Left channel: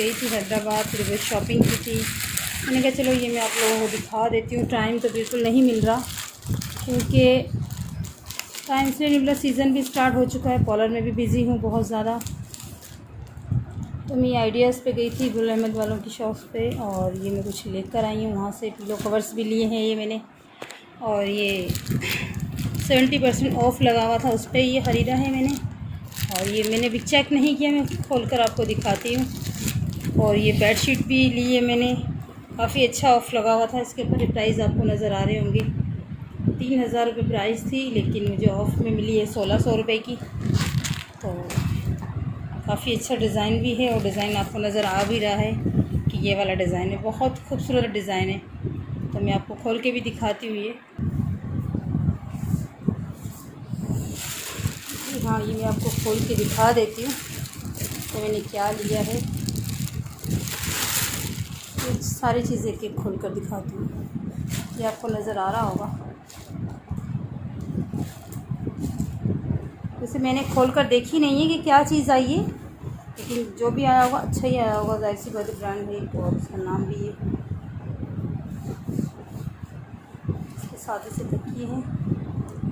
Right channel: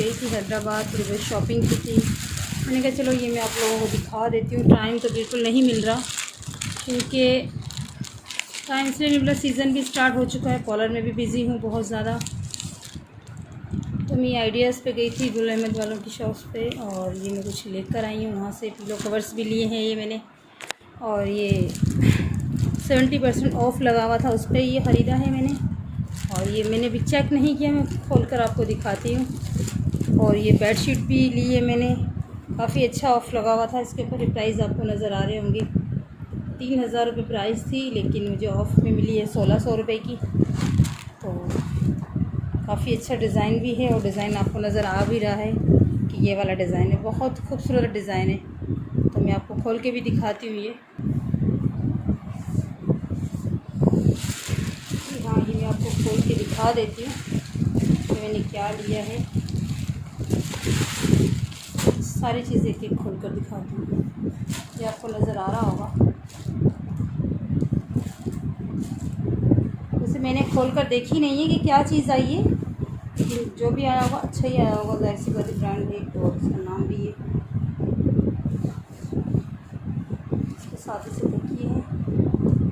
गई थी हैदराबाद, थोड़ी बहुत शॉपिंग की थी। मैंने कहा चलो ये मैं आप लोगों को दिखा देती हूँ। टाइम तो बिल्कुल नहीं मिल रहा, क्योंकि टाइम इसलिए नहीं मिला, सीज़न भी स्टार्ट हो चुका है, पार्लर में भी बिज़ी हूँ बहुत ज़्यादा। तो मैं आइडियाज़ पे गई थी गुल अहमद वालों की शॉप पे, और ये मैं कुछ लेकर आई हूँ वहाँ से। पिलो कवर्स भी लिए हैं ये मैंने, और ये 70% ऑफ़ लगा हुआ था, उस पर ये ख़रीदा है मैंने। और ये मैंने भी चेक नहीं किया, मैं खोल कर आपको दिखाती हूँ। और ये बेडशीट भी ली है मैंने, काफ़ी अच्छा ऑफ़ लगा हुआ था इसके ऊपर। प्राइस आपको नज़र आ रहे होंगे, 3000 रुपये प्राइस थी, लेकिन मुझे ऑफ़ में मिली है 1600 रुपये की। तो काफ़ी अच्छा डिज़ाइन भी है, और डिज़ाइन आपको नज़र आ भी रहा है कि ये वाला डिज़ाइन है, बहुत खूबसूरत डिज़ाइन है। तो मैं आपको खोल के भी दिखाती हूँ ये। हाँ, ये मैं आपको खोल के दिखा देती हूँ तो मैंने क्या लिया है। सारी चीज़ें एक एक खोल कर दिखाती हूँ, ये आपको नज़र आ रहा होगा। वैसे मैंने खोल कर देखी नहीं है कि क्या चीज़ आई है, लेकिन जो भी आया होगा अच्छा ही आया होगा, जाहिर सी बात, ब्रांड है और उसका नाम भी है। इसके साथ इसे तकिए हैं,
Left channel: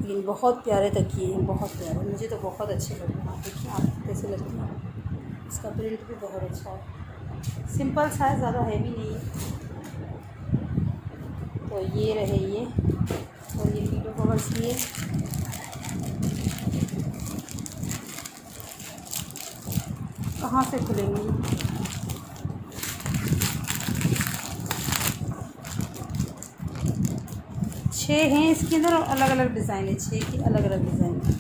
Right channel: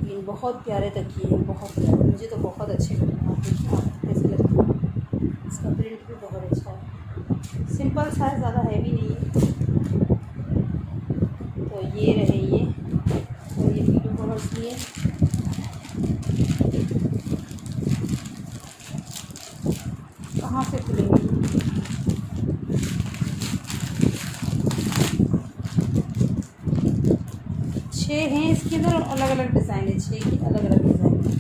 लेकिन बहुत प्यारे तकिए हैं, बहुत प्यारे, मुझे तो बहुत अच्छे लग रहे हैं। आप देखिए आपको कैसे लगते हैं। इसका प्रिंट भी बहुत अच्छा है, सिंपल सा है, ज़्यादा हैवी नहीं है। तो ये रहे ये, और ये पिलो कवर्स भी है। कहाँ से खुलेंगी, 6 हैं इसके अंदर, और अलग अलग डिज़ाइन है, 6 की अलग अलग डिज़ाइन है।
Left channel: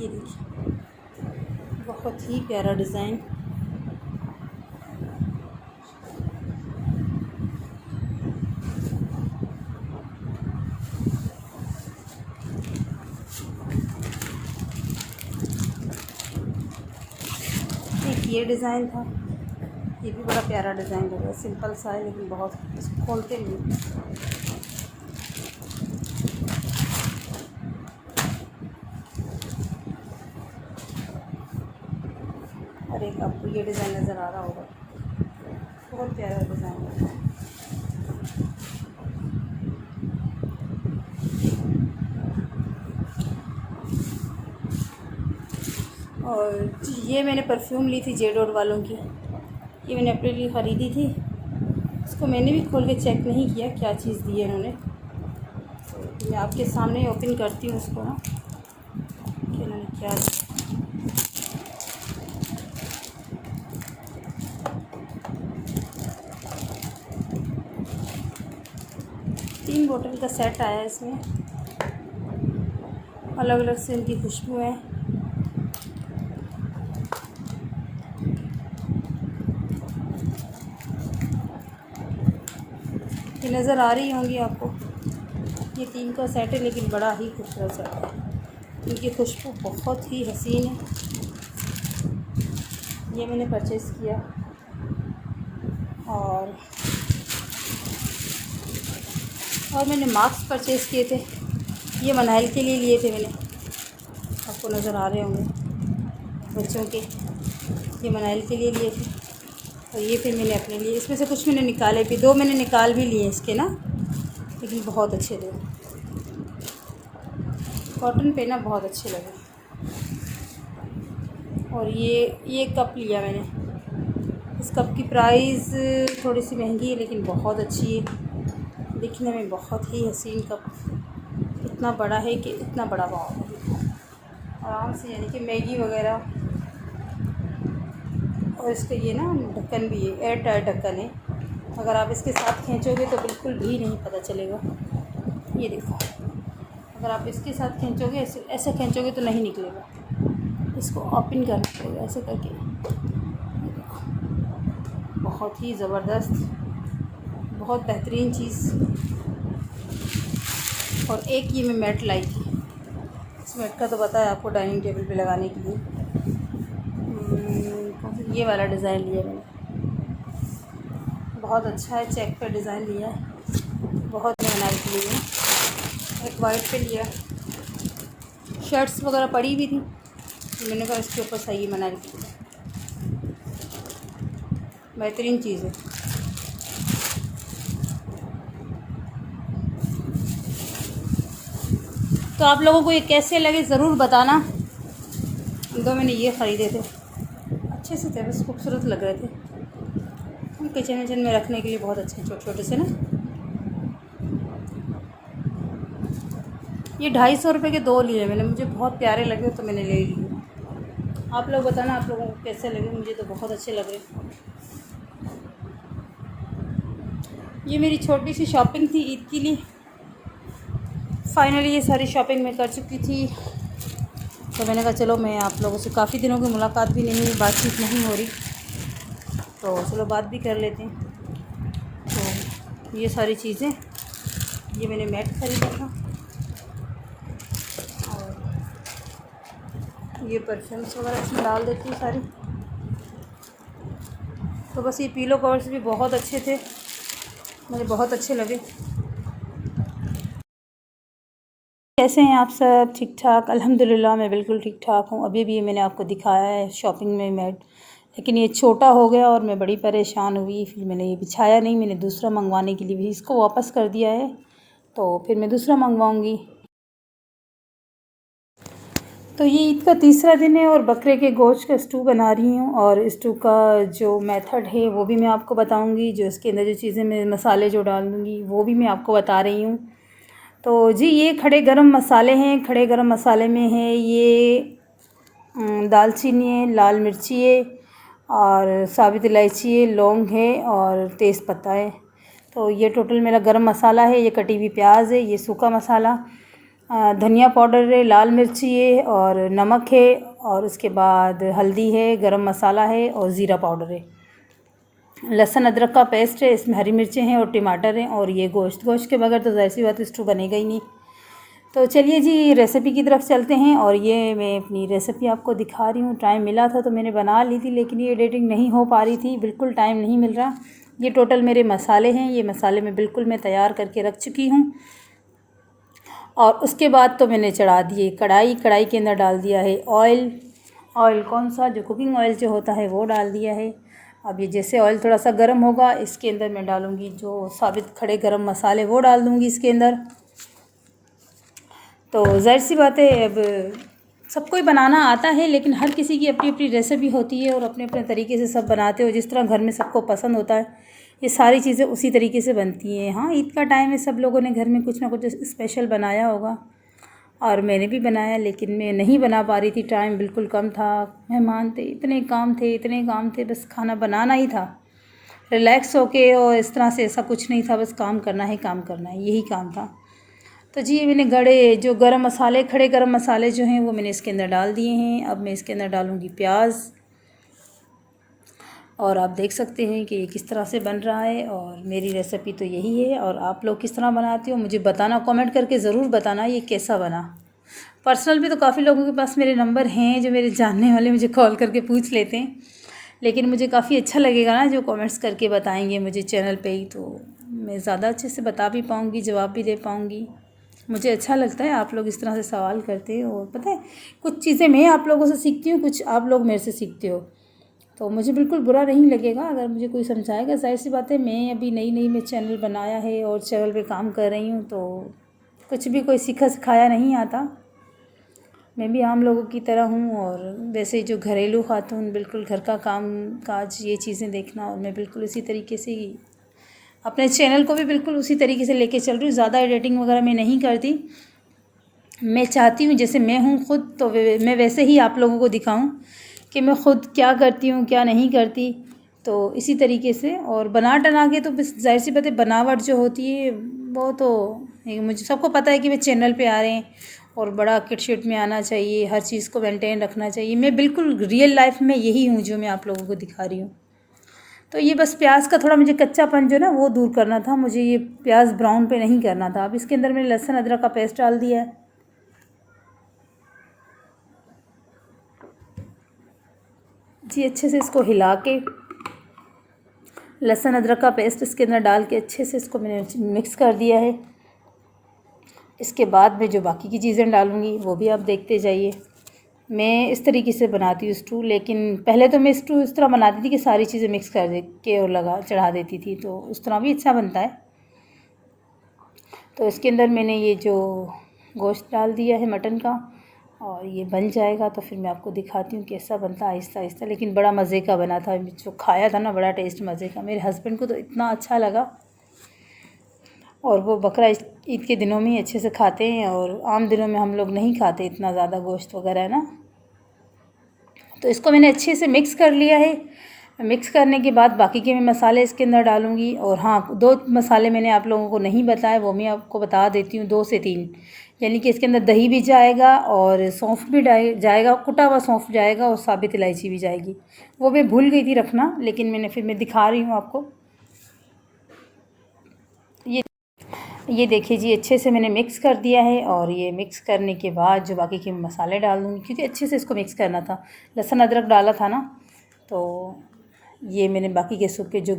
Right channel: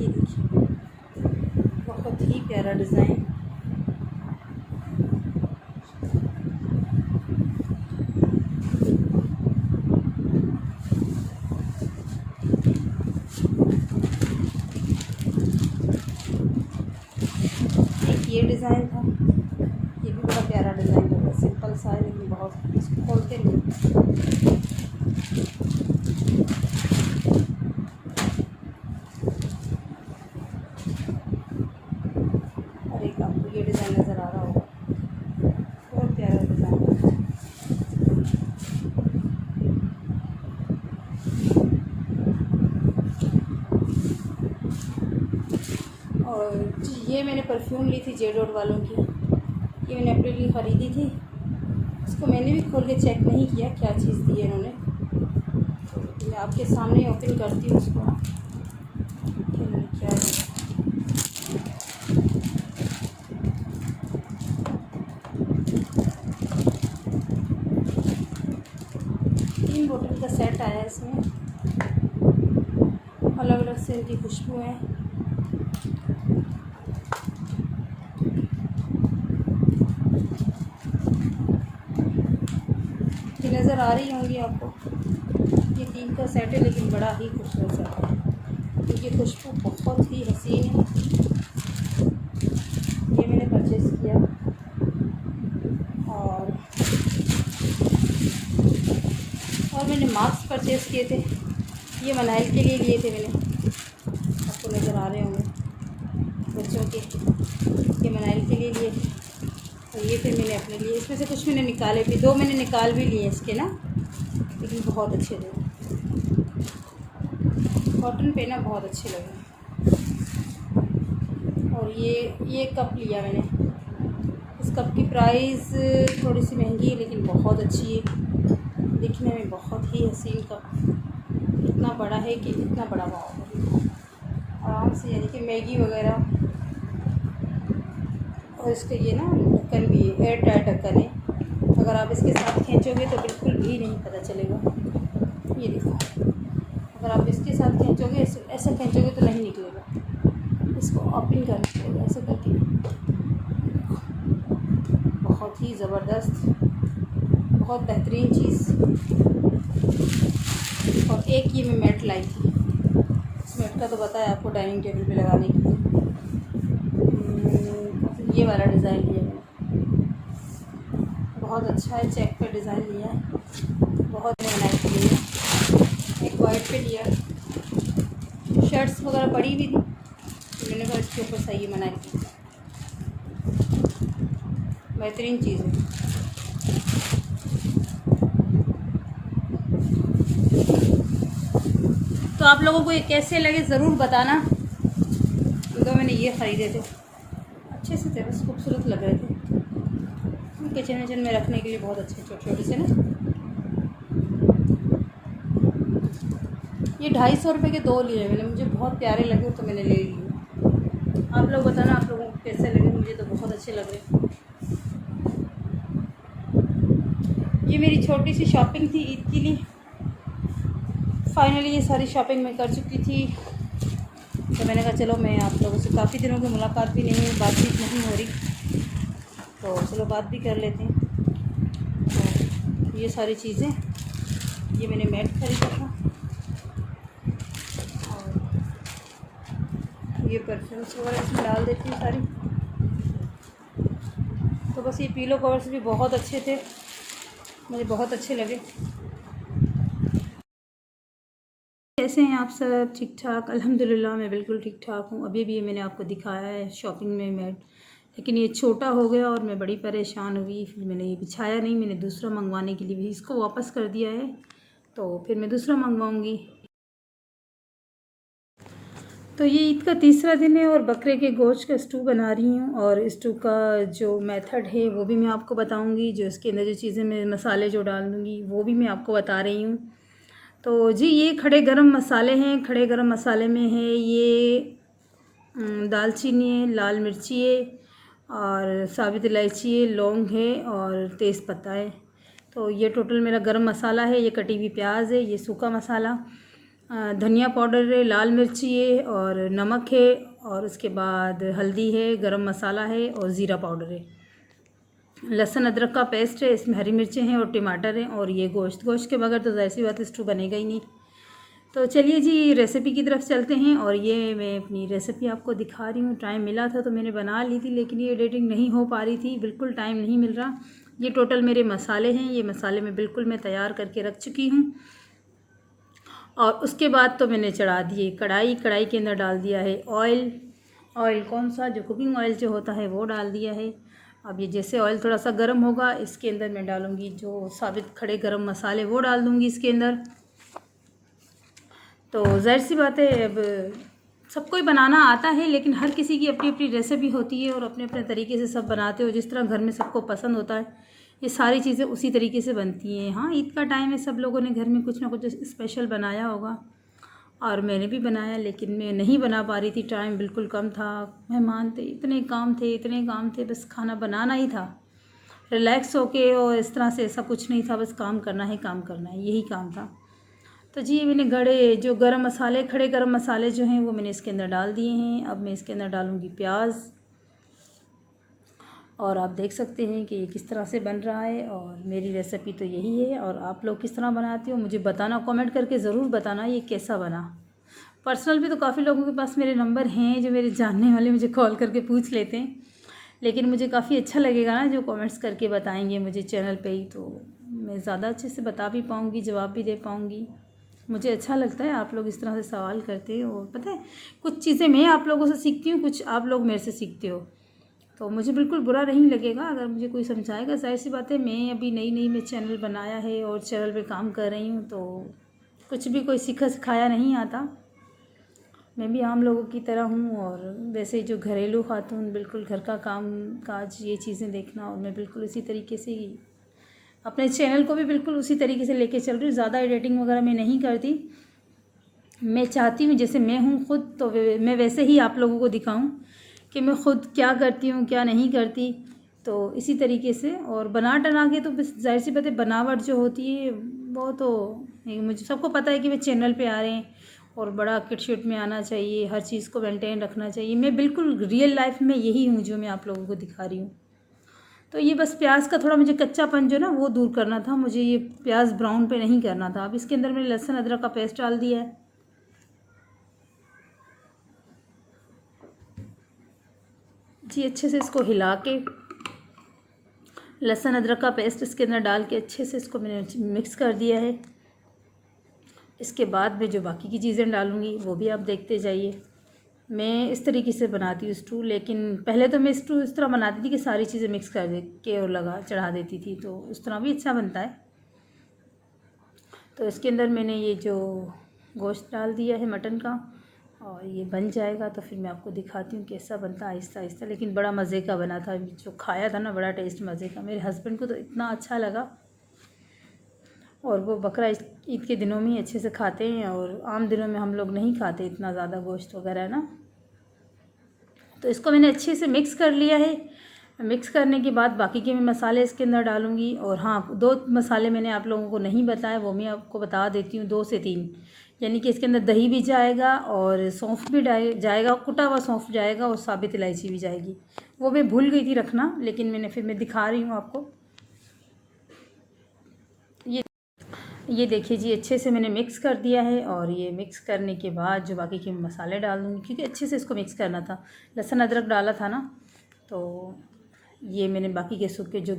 ये देखिए, बहुत ही प्यारा डिज़ाइन। ये डिज़ाइन था, ये भी बड़ा प्यारा डिज़ाइन लग रहा है, सिंपल सा है लेकिन बहुत, इसको खोलते नहीं। अरे आपको ये डिज़ाइन नज़र आ रहा होगा, बहुत प्यारा डिज़ाइन है। और ये मैंने परफ्यूम ली थी जेडोर वालों की, ये मैंने अपने लिए ख़रीदी थी। उसको मैंने भी खोल के चेक नहीं किया क्या चीज़ दी है इन्होंने, तो मैं आपके सामने ओपन करती हूँ उसको ना, कि इन्होंने क्या है। तीन बोतल का सेट आया है इसमें, अलग अलग से इनकी खुशबू है। ये नज़र आ रही होंगी आपको, ये 3 का सेट है, लेकिन बड़ा ही खूबसूरत सेट है, इनकी खुशबू बहुत ही हसीन है। ये मैंने परचेज़ किया, और मैंने मास्क परचेज़ किए थे, ये मनाइल के लिए लिए थे मैंने, आपको नज़र आ रहे होंगे बच्चों के, ये मनाइल के लिए लिए थे। और ये फिर मैंने अपने लिए, इसमें से कुछ मैंने निकाले भी, 2 मैंने निकाल भी लिए इसके ना, लेकिन बहुत अच्छे थे, कॉटन पे ना बहुत अच्छे लगे। और ये कप लिया मैंने, इस कप की प्राइस थोड़ी सी महंगी है, लेकिन बहुत अच्छी है, दिखने में बहुत ही हसीन कप। इतना बड़ा है कि इतना बड़ा पाव आराम से, यानी कि मैगी वगैरह। और इसका ये ना ढक्कन भी है, एयर टाइट ढक्कन है, अगर आप इसके साथ खींचोगे तो बिल्कुल भी नहीं पता चलेगा। ये देखो, अगर आप इसके साथ खींचोगे, ऐसे खींचोगे तो नहीं निकलेगा, इसको ओपन करना पड़ेगा ऐसे करके। बहुत ही ज़बरदस्त, बहुत बेहतरीन चीज़। और एक ये मैं मैट लाई थी, इस मैट का तो बताया आपको, डाइनिंग टेबल पे लगाने के लिए। ये वाला डिज़ाइन लिया मैंने, बहुत अच्छा है, चेक का डिज़ाइन लिया है, बहुत बनाई के लिए। एक वाइट पे लिया, शर्ट्स वगैरह पड़ी भी थी, मैंने कहा इसके ऊपर सही बना रही, बेहतरीन चीज़ है। तो आप लोगों को ये कैसे लगे ज़रूर बताना। तो मैंने ये ख़रीदे थे, अच्छे से थे, बस खूबसूरत लग रहे थे। किचन विचन में रखने के लिए बहुत अच्छे छोटे छोटे से ना। ये 250 रुपये के 2 लिए मैंने, मुझे बहुत प्यारे लगे तो मैंने ले लिए। आप लोग बताना आप लोगों को कैसे लगे, मुझे तो बहुत अच्छे लग रहे। ये मेरी छोटी सी शॉपिंग थी ईद के लिए। फाइनली ये सारी शॉपिंग मैं कर चुकी थी, तो मैंने कहा चलो मैं आप लोगों से, काफ़ी दिनों की मुलाकात भी नहीं हुई, बातचीत नहीं हो रही, तो चलो बात भी कर लेते हैं। तो ये सारी चीज़ें, ये मैंने मैट ख़रीदा था और ये परफ्यूम्स वगैरह इसमें डाल देती हूँ सारी। तो बस ये पीलो कवर्स भी बहुत अच्छे थे, मुझे बहुत अच्छे लगे। कैसे हैं आप सब? ठीक ठाक? अल्हम्दुलिल्लाह मैं बिल्कुल ठीक ठाक हूँ। अभी भी मैंने आपको दिखाया है शॉपिंग में मैट, लेकिन ये छोटा हो गया और मैं बड़ी परेशान हुई। फिर मैंने ये बिछाया नहीं, मैंने दूसरा मंगवाने के लिए भी इसको वापस कर दिया है, तो फिर मैं दूसरा मंगवाऊँगी। तो ये ईद का तीसरा दिन है और बकरे के गोश्त का स्टू बना रही हूँ, और स्टू का जो मेथड है वो भी मैं आपको बताऊँगी। जो इसके अंदर जो चीज़ें मैं मसाले जो डाल दूँगी वो भी मैं आपको बता रही हूँ। तो जी ये खड़े गरम मसाले हैं। खड़े गरम मसाले में है ये दालचीनी है, लाल मिर्ची है और साबित इलायची है, लौंग है और तेज़पत्ता है। तो ये टोटल मेरा गरम मसाला है। ये कटी हुई प्याज है, ये सूखा मसाला, धनिया पाउडर है, लाल मिर्ची है और नमक है, और उसके बाद हल्दी है, गरम मसाला है और ज़ीरा पाउडर है। लहसुन अदरक का पेस्ट है, इसमें हरी मिर्चें हैं और टमाटर हैं, और ये गोश्त के बगैर तो ज़ाहिर सी बात स्टू बनेगा ही नहीं। तो चलिए जी रेसिपी की तरफ चलते हैं। और ये मैं अपनी रेसिपी आपको दिखा रही हूँ। टाइम मिला था तो मैंने बना ली थी, लेकिन ये एडिटिंग नहीं हो पा रही थी, बिल्कुल टाइम नहीं मिल रहा। ये टोटल मेरे मसाले हैं, ये मसाले मैं बिल्कुल तैयार करके रख चुकी हूँ। और उसके बाद तो मैंने चढ़ा दिए कढ़ाई के अंदर डाल दिया है ऑयल कौन सा, जो कुकिंग ऑयल जो होता है वो डाल दिया है। अब ये जैसे ऑयल थोड़ा सा गर्म होगा, इसके अंदर मैं डालूँगी जो साबित खड़े गरम मसाले, वो डाल दूँगी इसके अंदर। तो ज़ाहिर सी बात है, अब सबको ही बनाना आता है, लेकिन हर किसी की अपनी अपनी रेसिपी होती है और अपने अपने तरीके से सब बनाते हो। जिस तरह घर में सबको पसंद होता है, ये सारी चीज़ें उसी तरीके से बनती हैं। हाँ, ईद का टाइम है, सब लोगों ने घर में कुछ ना कुछ स्पेशल बनाया होगा, और मैंने भी बनाया, लेकिन मैं नहीं बना पा रही थी। टाइम बिल्कुल कम था, मेहमान थे, इतने काम थे, बस खाना बनाना ही था, रिलैक्स होके, और इस तरह से ऐसा कुछ नहीं था, बस काम करना है, यही काम था। तो जी मैंने जो गरम मसाले, खड़े गरम मसाले जो हैं वो मैंने इसके अंदर डाल दिए हैं। अब मैं इसके अंदर डालूँगी प्याज, और आप देख सकते हैं कि ये किस तरह से बन रहा है। और मेरी रेसिपी तो यही है, और आप लोग किस तरह बनाते हो मुझे बताना, कमेंट करके ज़रूर बताना ये कैसा बना। पर्सनल भी तो काफ़ी लोगों के पास मेरे नंबर हैं, जो मेरे जानने वाले मुझे कॉल करके पूछ लेते हैं, लेकिन मुझे काफ़ी अच्छा लगेगा ना जो कमेंट्स करके बताएंगे मुझे चैनल पे ही, तो मैं ज़्यादा अच्छे से बता भी पाऊँगी, जवाब भी दे पाऊँगी। मुझे अच्छा लगता है आप लोग इस तरह से सवाल करते हो, और पता है कुछ चीज़ें मैं आप लोगों से सीखती हूँ, कुछ आप लोग मेरे से सीखते हो, तो मुझे बिल्कुल बुरा नहीं लगेगा अगर मुझे कोई समझाएगा। ज़ाहिर सी बात है, मैं अभी नई में चैनल बनाया है और चैनल पे काम कर रही हूँ, तो कुछ भी कोई सीखा सिखाया नहीं आता। मैं भी आम लोगों की तरह हूँ, और वैसे जो घरेलू खातून, बिल्कुल घर का काम काज, ये चीज़ें देखना, और मैं बिल्कुल इसी तरीके से ही अपने चैनल को भी बिल्कुल उसी तरीके से लेके चल रही हूँ। ज़्यादा एडिटिंग वगैरह मैं नहीं करती। मैं चाहती हूँ जैसे मैं हूँ खुद, तो मैं वैसे ही आप लोगों को दिखाऊँ कि मैं ख़ुद क्या करती हूँ, क्या नहीं करती, तो इसी तरीके से। और बना टना के तो बस ज़ाहिर सी बात है, बनावट जो होती है वो तो मुझे सबको पता है कि वे चैनल पे आ रहे हैं और बड़ा किट शिट में आना चाहिए, हर चीज़ को मेंटेन रखना चाहिए। मैं बिल्कुल रियल लाइफ में यही हूँ जो मैं आप लोगों को दिखा रही हूँ। तो ये बस प्याज का थोड़ा मुझे कच्चापन जो ना वो दूर करना था, मुझे ये प्याज ब्राउन पे नहीं करना था। अब इसके अंदर मैंने लहसुन अदरक का पेस्ट डाल दिया है। जी अच्छे से इसको हिला के, लहसुन अदरक का पेस्ट इसके अंदर डाल के अच्छे से इसको मैंने मिक्स कर दिया है। इसके बाद मैं जो बाकी की चीज़ें डालूँगी वो भी आप देखते जाइए। मैं इस तरीके से बनाती हूँ स्टू, लेकिन पहले तो मैं स्टू इस तरह बनाती थी कि सारी चीज़ें मिक्स कर दे के और लगा चढ़ा देती थी, तो उस तरह भी अच्छा बनता है। तो इसके अंदर मैंने ये जो गोश्त डाल दिया है मटन का, और ये बन जाएगा तो फिर मैं आपको दिखाती हूँ कैसा बनता है आहिस्ता आहिस्ता। लेकिन बड़ा मज़े का बना था, जो खाया था ना बड़ा टेस्ट मज़े का, मेरे हस्बैंड को तो इतना अच्छा लगा। और वो बकरा ईद के दिनों में ही अच्छे से खाते हैं, और आम दिनों में हम लोग नहीं खाते इतना ज़्यादा गोश्त वगैरह है ना। तो इसको मैंने अच्छे से मिक्स कर लिया है। मिक्स करने के बाद बाकी के मैं मसाले इसके अंदर डालूँगी। और हाँ, 2 मसाले मैंने आप लोगों को नहीं बताए, वो मैं आपको बता देती हूँ, 2 से 3। यानी कि इसके अंदर दही भी जाएगा और सौंफ भी जाएगा, कुटा हुआ सौंफ जाएगा और साबित इलायची भी जाएगी। वो मैं भूल गई थी रखना, लेकिन मैं दिखा रही हूँ आपको। ये देखिए जी, अच्छे से मैंने मिक्स कर दिया है। और ये मिक्स करने के बाद जो बाकी के मसाले डाल दूँगी, क्योंकि अच्छे से इसको मिक्स करना था। लहसुन अदरक डाला था ना, तो ये मैंने बाकी के सूखे जो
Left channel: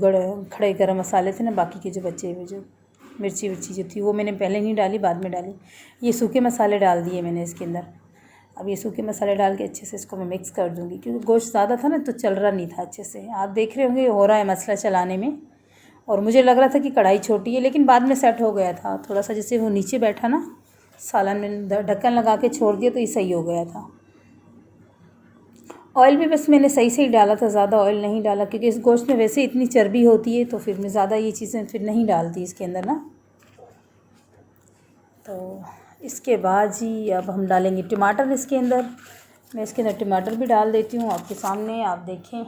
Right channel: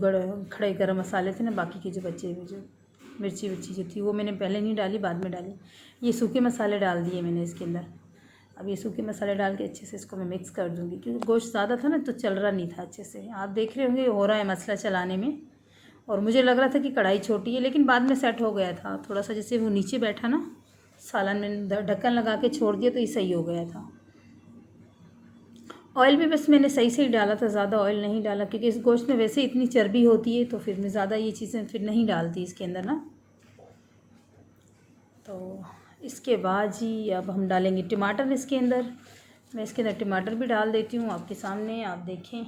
खड़े गरम मसाले थे ना, बाकी के जो बचे हुए जो मिर्ची विर्ची जो थी वो मैंने पहले नहीं डाली, बाद में डाली। ये सूखे मसाले डाल दिए मैंने इसके अंदर। अब ये सूखे मसाले डाल के अच्छे से इसको मैं मिक्स कर दूँगी, क्योंकि गोश्त ज़्यादा था ना तो चल रहा नहीं था अच्छे से। आप देख रहे होंगे हो रहा है मसला चलाने में। और मुझे लग रहा था कि कढ़ाई छोटी है, लेकिन बाद में सेट हो गया था थोड़ा सा। जैसे वो नीचे बैठा ना सालन, मैंने ढक्कन लगा के छोड़ दिया तो ये सही हो गया था। ऑयल भी बस मैंने सही से ही डाला था, ज़्यादा ऑयल नहीं डाला, क्योंकि इस गोश्त में वैसे इतनी चर्बी होती है, तो फिर मैं ज़्यादा ये चीज़ें फिर नहीं डालती इसके अंदर ना। तो इसके बाद जी अब हम डालेंगे टमाटर इसके अंदर। मैं इसके अंदर टमाटर भी डाल देती हूँ आपके सामने, आप देखें।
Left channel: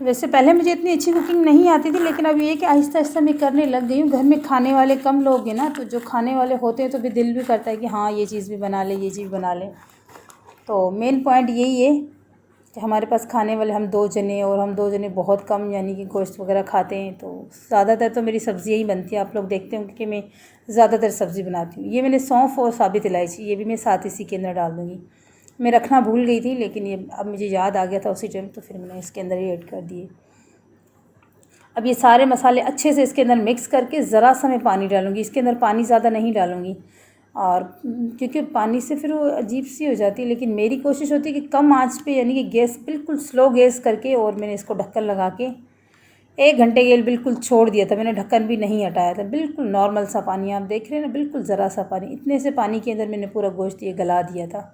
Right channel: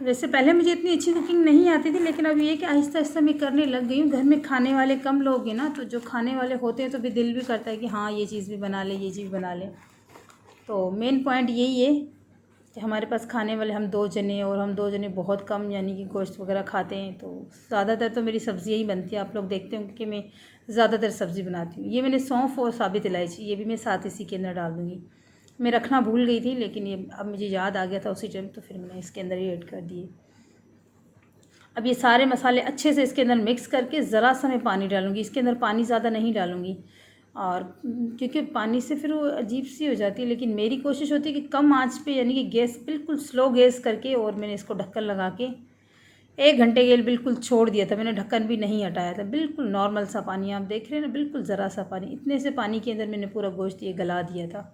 वैसे पहले मुझे इतनी अच्छी कुकिंग नहीं आती थी, लेकिन अब ये कि आहिस्ता आहिस्ता मैं करने लग गई हूँ। घर में खाने वाले कम लोग हैं ना, तो जो खाने वाले होते हैं तो फिर दिल भी करता है कि हाँ ये चीज़ भी बना ले, ये चीज़ बना ले। तो मेन पॉइंट यही है कि हमारे पास खाने वाले हम 2 जने, और हम 2 जने बहुत कम यानी कि गोश्त वगैरह खाते हैं। तो ज़्यादातर तो मेरी सब्ज़ियाँ ही बनती हैं। आप लोग देखते होंगे कि मैं ज़्यादातर सब्ज़ी बनाती हूँ। ये मैंने सौंफ और साबित इलायची ये भी मैं साथ इसी के अंदर डाल दूँगी। मैं रखना भूल गई थी, लेकिन ये अब मुझे याद आ गया था उसी टाइम, तो फिर मैंने इसके अंदर ही ऐड कर दिए। अब ये सारे मसाले अच्छे से इसके अंदर मिक्स करके ज़रा सा मैं पानी डालूँगी। इसके अंदर पानी ज़्यादा नहीं डालूँगी, और क्योंकि पानी से फिर वो अजीब सी हो जाती है। लेकिन मेरी कोशिश होती है कि कम आंच पे, यानी कि गैस बिल्कुल स्लो गैस करके, और मैंने इसको ढक्कन लगा के 1 घंटे के लिए बिल्कुल छोड़ दिया था। मैंने ढक्कन भी नहीं हटाया था। बिल्कुल नॉर्मल सा पानी, आप देख रहे हैं ना, बिल्कुल ज़रा सा पानी। इतने से पानी के अंदर मैंने पूरा गोश्त ये गला दिया था,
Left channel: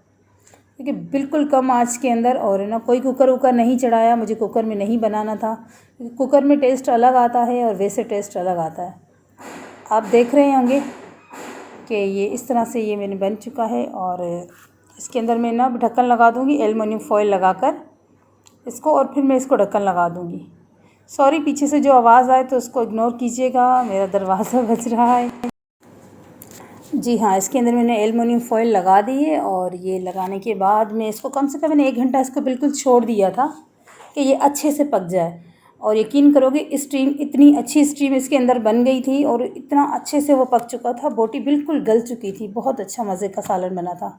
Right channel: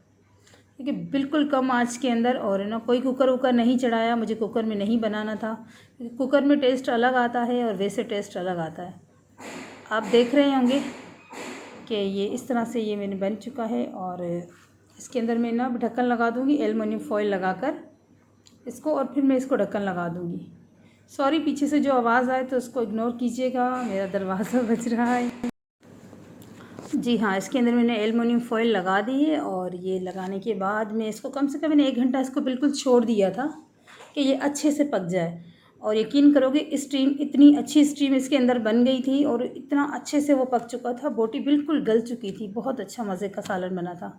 क्योंकि बिल्कुल कम आंच के अंदर। और ना कोई कुकर वुकर नहीं चढ़ाया, मुझे कुकर में नहीं बनाना था, क्योंकि कुकर में टेस्ट अलग आता है और वैसे टेस्ट अलग आता है। आप देख रहे होंगे कि ये इस तरह से ये मैंने बन चुका है। और इसके अंदर मैं ना ढक्कन लगा दूँगी एल्युमिनियम फॉइल लगाकर इसको, और फिर मैं इसको ढक्कन लगा दूँगी। सॉरी पीछे से जो आवाज़ आए तो उसको इग्नोर कीजिएगा, मेरा दरवाज़ा बज रहा है। जी हाँ, इसके अंदर मैंने एल्युमिनियम फॉइल लगा दी है। और ये लगाने के बाद मैं इसको कम से कम मैंने 1 घंटा इसको बिल्कुल छोड़ दिया था कि ये अच्छे से पक जाए। और यकीन करोगे स्टीम, इतनी अच्छी स्टीम इसके अंदर बन गई थी, और इतना अच्छे से वो पक चुका था, बोटी बिल्कुल गल चुकी थी। बहुत अच्छा मज़े का सालन बना था।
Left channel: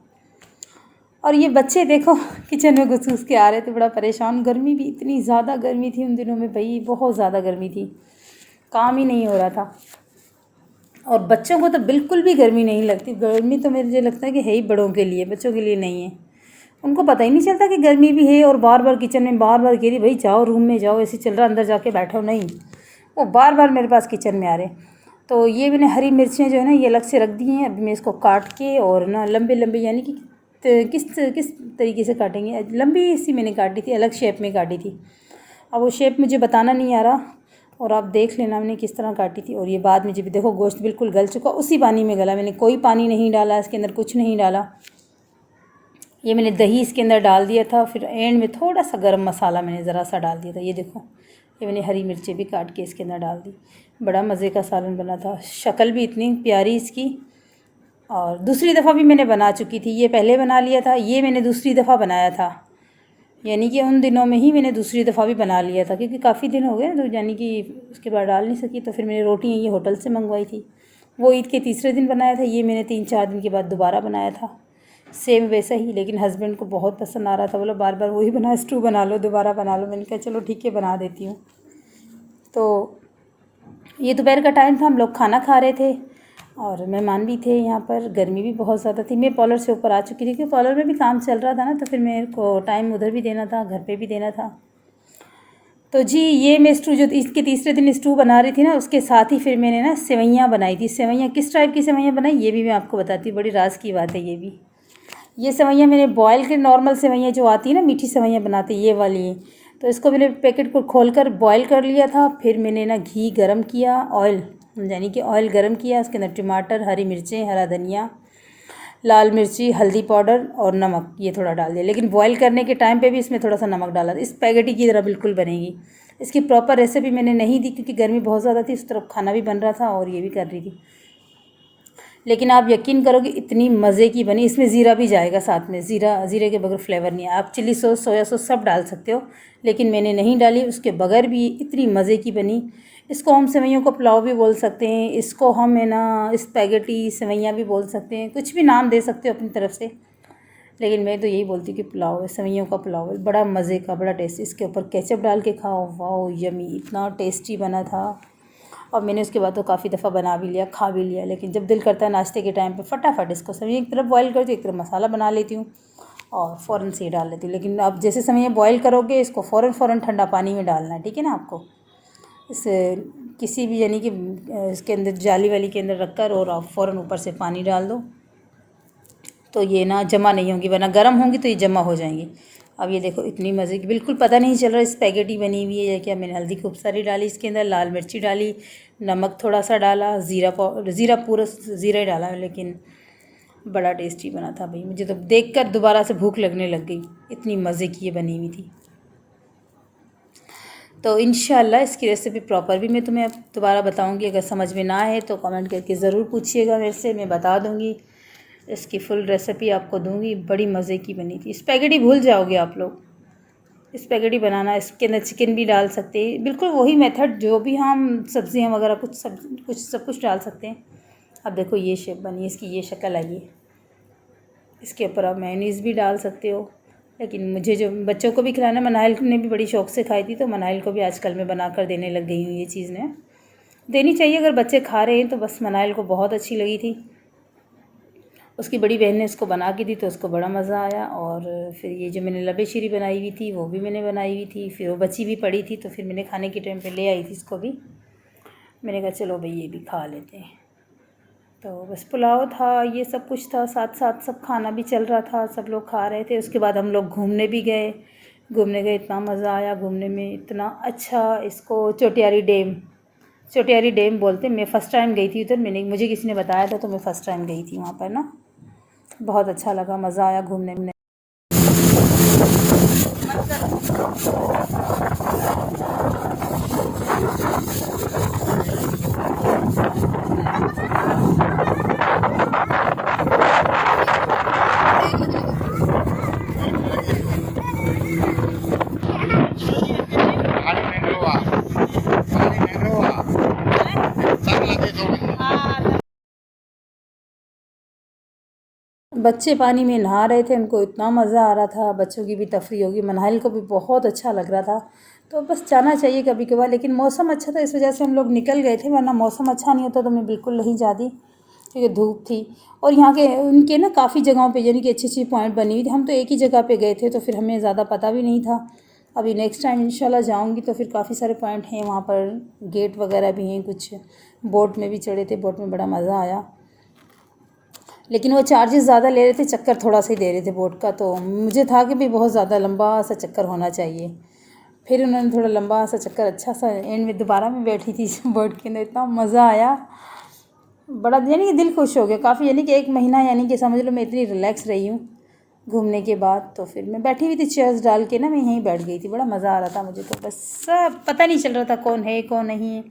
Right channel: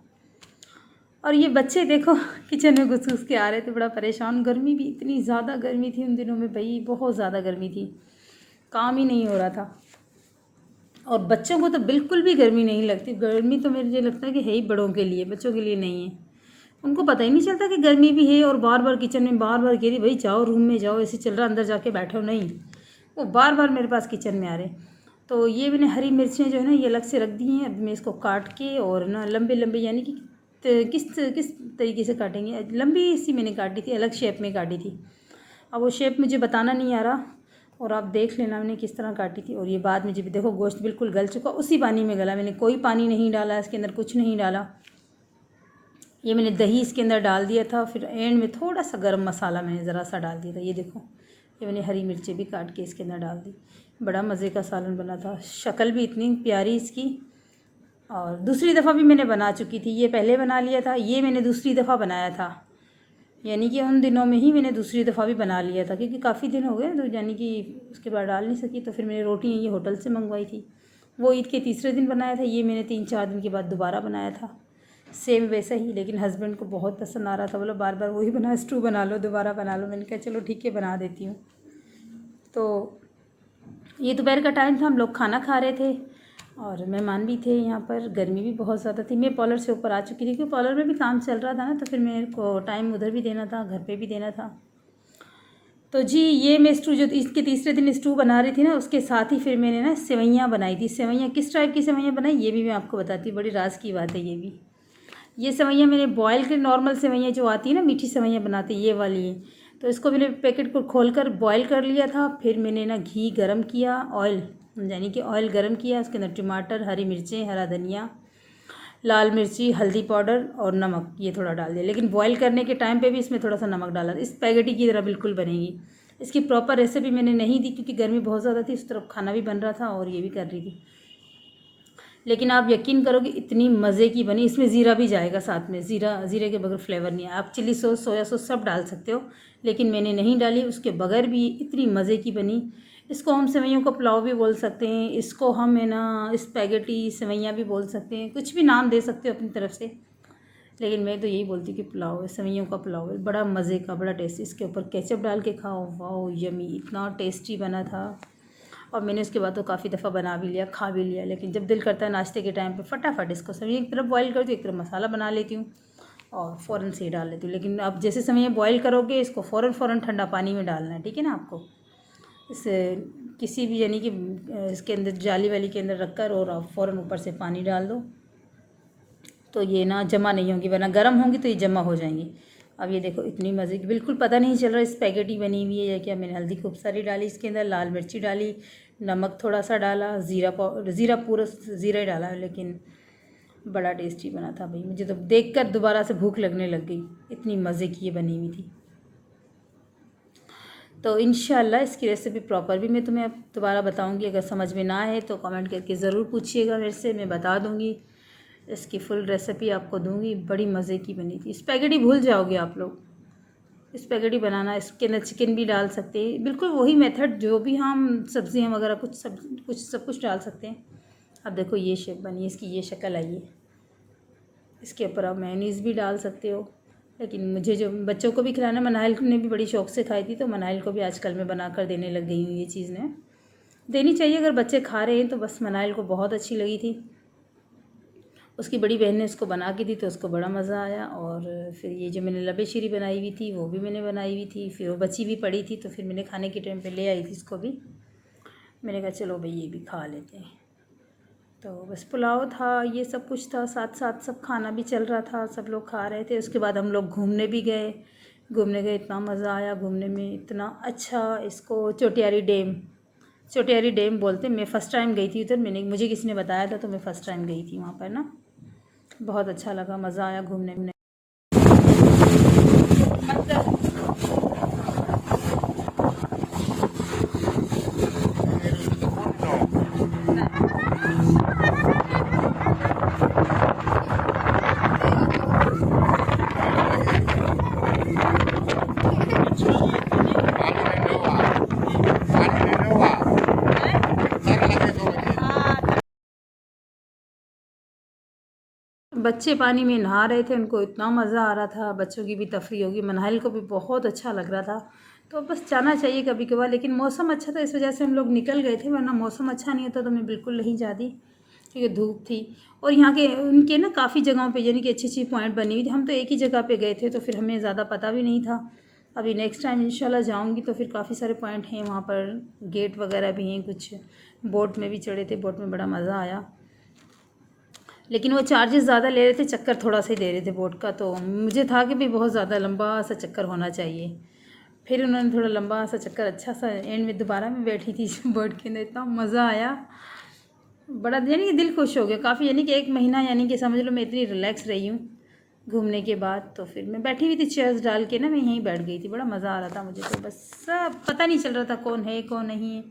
और ये बच्चे देखो किचन में घुस घुस के आ रहे थे, बड़ा परेशान। गर्मी भी इतनी ज़्यादा गर्मी थी उन दिनों में, भाई बहुत ज़्यादा गर्मी थी, काम ही नहीं हो रहा था। और बच्चों को तो बिल्कुल भी गर्मी नहीं लगती। गर्मी तो मुझे लगता है कि है ही बड़ों के लिए, बच्चों के लिए नहीं है। उनको पता ही नहीं चलता कि गर्मी भी है। और बार बार किचन में बार बार कह रही भाई जाओ रूम में जाओ, ऐसे चल रहा, अंदर जाके बैठो। नहीं, वो बार बार मेरे पास किचन में आ रहे। तो ये मैंने हरी मिर्चें जो है ना ये अलग से रख दी हैं। अभी मैं इसको काट के, और ना लंबे लंबे, यानी कि किस तरीके से काटेंगे, लंबी सी मैंने काटी थी, अलग शेप में काटी थी। अब वो शेप मुझे बताना नहीं आ रहा, और आप देख लेना मैंने किस तरह काटी थी। और ये बाद में जब देखो गोश्त बिल्कुल गल चुका, उसी पानी में गला। मैंने कोई पानी नहीं डाला इसके अंदर, कुछ नहीं डाला। ये मैंने दही इसके अंदर डाल दिया था, फिर एंड में थोड़ा सा गरम मसाला मैंने ज़रा सा डाल दिया था। ये देखो, ये मैंने हरी मिर्चें भी काट के इसके अंदर डाल दी। बड़ा मज़े का सालन बना था, शक्ल भी इतनी प्यारी इसकी। और दूसरी दफ़ा भी मैंने बना चुकी थी, ये पहले बना लिया था, ये मैंने दूसरी दफ़ा बनाया था। यानी कि उन दिनों में ही मैंने दूसरी दफ़ा भी बना लिया था, क्योंकि काफ़ी दिन हो गए, तो यानी कि उसके बाद डाल नहीं सकी। तो फिर मैंने रोटी ये होटल से मंगवाई थी, वो ईद के तीसरे दिन बनाया था। ये मैंने 3-4 दिन के बाद दोबारा बनाया था, सेम वैसा ही। लेकिन हस्बैंड को बहुत पसंद आ रहा था, बोला बार बार वही बना, स्टू बना लो, दोबारा बना लो। मैंने कहा चलो ठीक है, बना देती हूँ। तो ये दोपहर का टाइम था, हम लोग खाना खा रहे थे। और मेहमान भी थे यहाँ पर, गर्मी भी बहुत ज़्यादा थी। मैं पॉलर से ऊपर आ चुकी थी क्योंकि पॉलर में भी काम चल रहा था ना, तो फिर मेरे को टाइम उधर भी देना था, घर पे भी देना था। तो जी ये मैं स्टू जो इसके तीसरे दिन स्टू बना रही थी ना, उसके साथ ही फिर मैंने ना सेवइयाँ बनाई थी। सेवइयाँ किस टाइप की सेवइयाँ बनाई ये भी मैं आपको बताती हूँ, बड़ी राज की बात है ये भी। ये सेवइयाँ मैंने बॉयल के, नॉर्मल सेवइयाँ जो आती है ना मीठी सेवइयाँ बनाते ये वाली है, तो इसको मैंने पैकेट को खोलकर बॉयल कर लिया था। फिर मैंने ना घी गरम किया, ऑयल यानी कि ऑयल गरम किया, उसके अंदर टमाटर, हरी मिर्चें, हरा धनिया, लाल मिर्ची, हल्दी पाउडर और नमक ये थोड़ा डाल दिया। लेकिन बॉईल करने के टाइम पे भी इसमें थोड़ा सा नमक डाला। इस स्पैगेटी की तरह बिल्कुल बनेगी। इसकी प्रॉपर रेसिपी मैंने नहीं दी क्योंकि गर्मी बहुत ज़्यादा थी, इस तरफ खाना भी बन रहा था और ये भी कर रही थी। लेकिन आप यकीन करोगे इतनी मज़े की बनी। इसमें ज़ीरा भी जाएगा साथ में, ज़ीरे के बगैर फ्लेवर नहीं है। आप चिली सॉस, सोया सॉस सब डाल सकते हो, लेकिन मैंने नहीं डाली। उसके बगैर भी इतनी मज़े की बनी। इसको हम सेवइयों का पुलाव भी बोल सकते हैं, इसको हम है ना स्पैगेटी सेवइयाँ भी बोल सकते हैं, कुछ भी नाम दे सकते हो अपनी तरफ से, लेकिन मैं तो यही बोलती हूँ कि पुलाव है, सेवइयों का पुलाव है। बड़ा मज़े का, बड़ा टेस्टी। इसके ऊपर केचप डाल के खाओ, वाओ यमी, इतना टेस्टी बना था। और मैंने उसके बाद तो काफ़ी दफ़ा बना भी लिया, खा भी लिया। लेकिन जब दिल करता है नाश्ते के टाइम पे फटाफट इसको सेवइयाँ एक तरफ बॉईल करती हूँ, एक तरफ मसाला बना लेती हूँ और फ़ौरन से ही डाल लेती हूँ। लेकिन आप जैसे सेवइयाँ बॉईल करोगे इसको फ़ौरन ठंडा पानी में डालना है, ठीक है ना। आपको इस किसी भी यानी कि इसके अंदर जाली वाली के अंदर रख कर और आप फ़ौरन ऊपर से पानी डाल दो, तो ये ना जमा नहीं होंगी, वरना गर्म होंगी तो ये जमा हो जाएंगी। अब ये देखो इतनी मज़े की, बिल्कुल पता नहीं चल रहा स्पैगेटी बनी हुई है या क्या। मैंने हल्दी खूब सारी डाली इसके अंदर, लाल मिर्ची डाली, नमक थोड़ा सा डाला, ज़ीरा पूरा ज़ीरा ही डाला, लेकिन बड़ा टेस्टी बना था भाई। मुझे तो देखकर दोबारा से भूख लगने लग गई, इतनी मज़े की ये बनी हुई थी। तो इंशाल्लाह इसकी रेसिपी प्रॉपर भी मैं तुम्हें दोबारा बताऊंगी। अगर समझ में ना आए तो कमेंट करके ज़रूर पूछिएगा मेरे से, मैं बता दूंगी। इसकी फुल रेसिपी आपको दूंगी। बड़ी मज़े की बनी थी। स्पैगेटी भूल जाओगे आप लोग स्पैगेटी बनाना। इसके अंदर चिकन भी डाल सकते हैं, बिल्कुल वही मेथड जो भी हम सब्जियां वगैरह सब कुछ डाल सकते हैं। अब देखो ये शेप बनी, इसकी ये शक्ल आई है। इसके ऊपर आप मेयोनीज़ भी डाल सकते हो, लेकिन मुझे जो बच्चों को भी खिलाना, मनाइल ने भी बड़ी शौक़ से खाई थी, तो मनाइल को भी आजकल मैं बना कर देने लग गई हूँ। ये चीज़ ने देनी चाहिए, अगर बच्चे खा रहे हैं तो। बस मनाइल को बहुत अच्छी लगी थी, उसकी बड़ी बहन ने इसको बना के दी तो उसको बड़ा मज़ा आया। और फिर ये जो मैंने लबे शीरी बनाई हुई थी वो भी मैंने बनाई हुई थी, फिर वो बची भी पड़ी थी, तो फिर मैंने खाने के टाइम पे ले आई थी इसको भी। मैंने कहा चलो भाई ये भी खा लेते हैं। तो बस पुलाव था, ये सब कुछ था, साथ साथ सब खाना भी चल रहा था, सब लोग खा रहे थे। उसके बाद हम लोग घूमने गए, इतना मज़ा आया घूमने में, इतना अच्छा। इसको चोटियारी डैम बोलते हैं। मैं फ़र्स्ट टाइम गई थी उधर, मुझे किसी ने बताया था तो मैं फ़र्स्ट टाइम गई थी वहाँ पर ना। बहुत अच्छा लगा, मज़ा आया घूमने में। बच्चे पानी में नहा रहे थे, उनको इतना मज़ा आ रहा था। बच्चों की भी तफरीह होगी, मनाइल को भी बहुत अच्छा लग रहा था। तो बस जाना चाहिए कभी कभार। लेकिन मौसम अच्छा था, इस वजह से हम लोग निकल गए थे, वरना मौसम अच्छा नहीं होता तो मैं बिल्कुल नहीं जाती क्योंकि धूप थी। और यहाँ के उनके ना काफ़ी जगहों पे यानी कि अच्छी अच्छी पॉइंट बनी हुई थी। हम तो एक ही जगह पे गए थे तो फिर हमें ज़्यादा पता भी नहीं था। अभी नेक्स्ट टाइम इंशाल्लाह जाऊँगी तो फिर काफ़ी सारे पॉइंट हैं वहाँ पर, गेट वगैरह भी हैं कुछ। बोट में भी चढ़े थे, बोट में बड़ा मज़ा आया, लेकिन वो चार्जेस ज़्यादा ले रहे थे, चक्कर थोड़ा सा ही दे रहे थे बोट का। तो मुझे था कि भाई बहुत ज़्यादा लंबा सा चक्कर होना चाहिए। फिर उन्होंने थोड़ा लंबा सा चक्कर अच्छा सा, एंड में दोबारा मैं बैठी थी बोट के अंदर, इतना मज़ा आया, बड़ा यानी कि दिल खुश हो गया काफ़ी। यानी कि 1 महीना यानी कि समझ लो मैं इतनी रिलैक्स रही हूँ घूमने के बाद। तो फिर मैं बैठी हुई थी चेयर्स डाल के ना, मैं यहीं बैठ गई थी, बड़ा मज़ा आ रहा था मुझे। तो बस सब पता नहीं चल रहा था कौन है कौन नहीं है,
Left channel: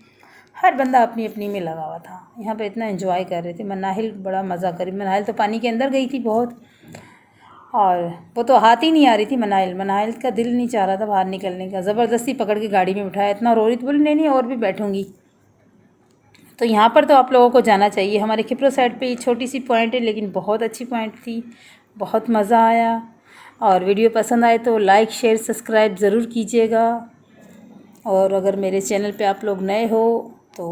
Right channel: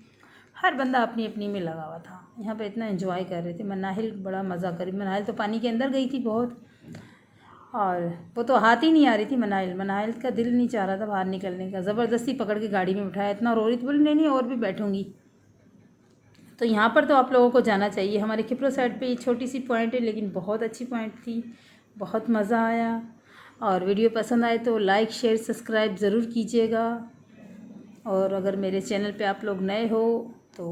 हर बंदा अपनी अपनी में लगा हुआ था। यहाँ पे इतना एंजॉय कर रहे थे। मनाहिल बड़ा मज़ा करी। मनाहिल तो पानी के अंदर गई थी बहुत, और वो तो हाथ ही नहीं आ रही थी। मनाहिल का दिल नहीं चाह रहा था बाहर निकलने का, ज़बरदस्ती पकड़ के गाड़ी में बिठाया, इतना रो रही थी, बोली नहीं और भी बैठूँगी। तो यहाँ पर तो आप लोगों को जाना चाहिए। हमारे खिपरो साइड पे ये छोटी सी पॉइंट है, लेकिन बहुत अच्छी पॉइंट थी, बहुत मज़ा आया। और वीडियो पसंद आए तो लाइक शेयर सब्सक्राइब ज़रूर कीजिएगा। और अगर मेरे चैनल पे आप लोग नए हो तो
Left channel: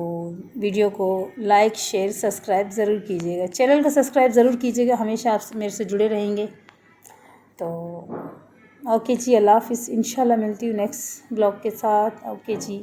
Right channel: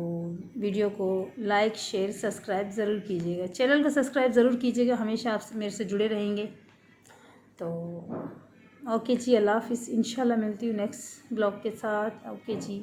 वीडियो को लाइक शेयर सब्सक्राइब ज़रूर कीजिएगा, चैनल को सब्सक्राइब ज़रूर कीजिएगा, हमेशा आप मेरे से जुड़े रहेंगे। तो ओके जी, अल्लाह हाफ़िज़। इंशाल्लाह मिलती हूँ नेक्स्ट ब्लॉग के साथ। ओके जी।